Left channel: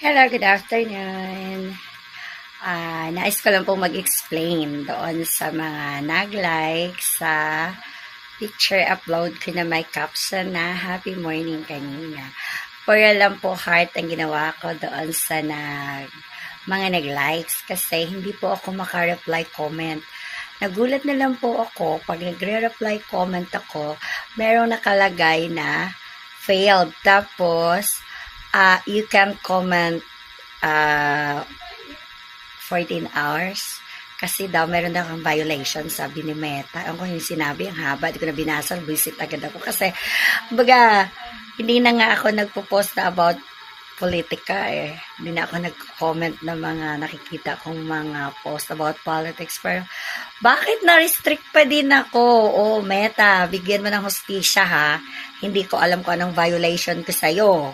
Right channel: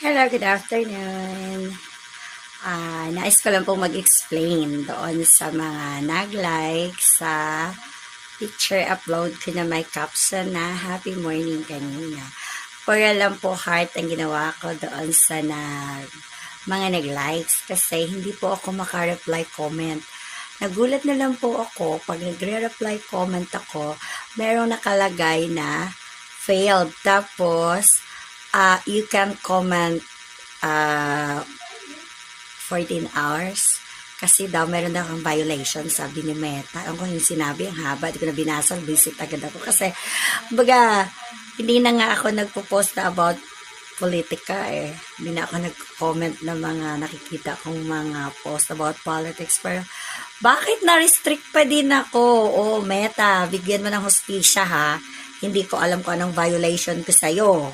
Hello, good afternoon. Nais ko lang pong mag-explain doon sa mga nag-like sa picture upload ko na may caption na Happy Morning kanina. Pura lang po heart ang ginawa ko doon sa mga nag-likes kasi hindi po ako maka-reply comment. Nagulat na lang po ako pag nagre-reply comment ako, merong nakalagay na failed. Tapos, you can comment uh, 14 hours kasi daw meron daw akong violation, sabi ni Meta. Ang ko yung sinabi, ang haba, di ko na binasa, visit agad ako kasi baga hindi na nga ako nagpo-post na about politika eh. Hindi na ako nag-comment ng mga nakikita kong mga post about politics. Pero bakit na-restrict pa din ako? Oh, Meta, bigyan mo ng hustisya ha. Hindi ko alam kung anong violation ko sa'yo.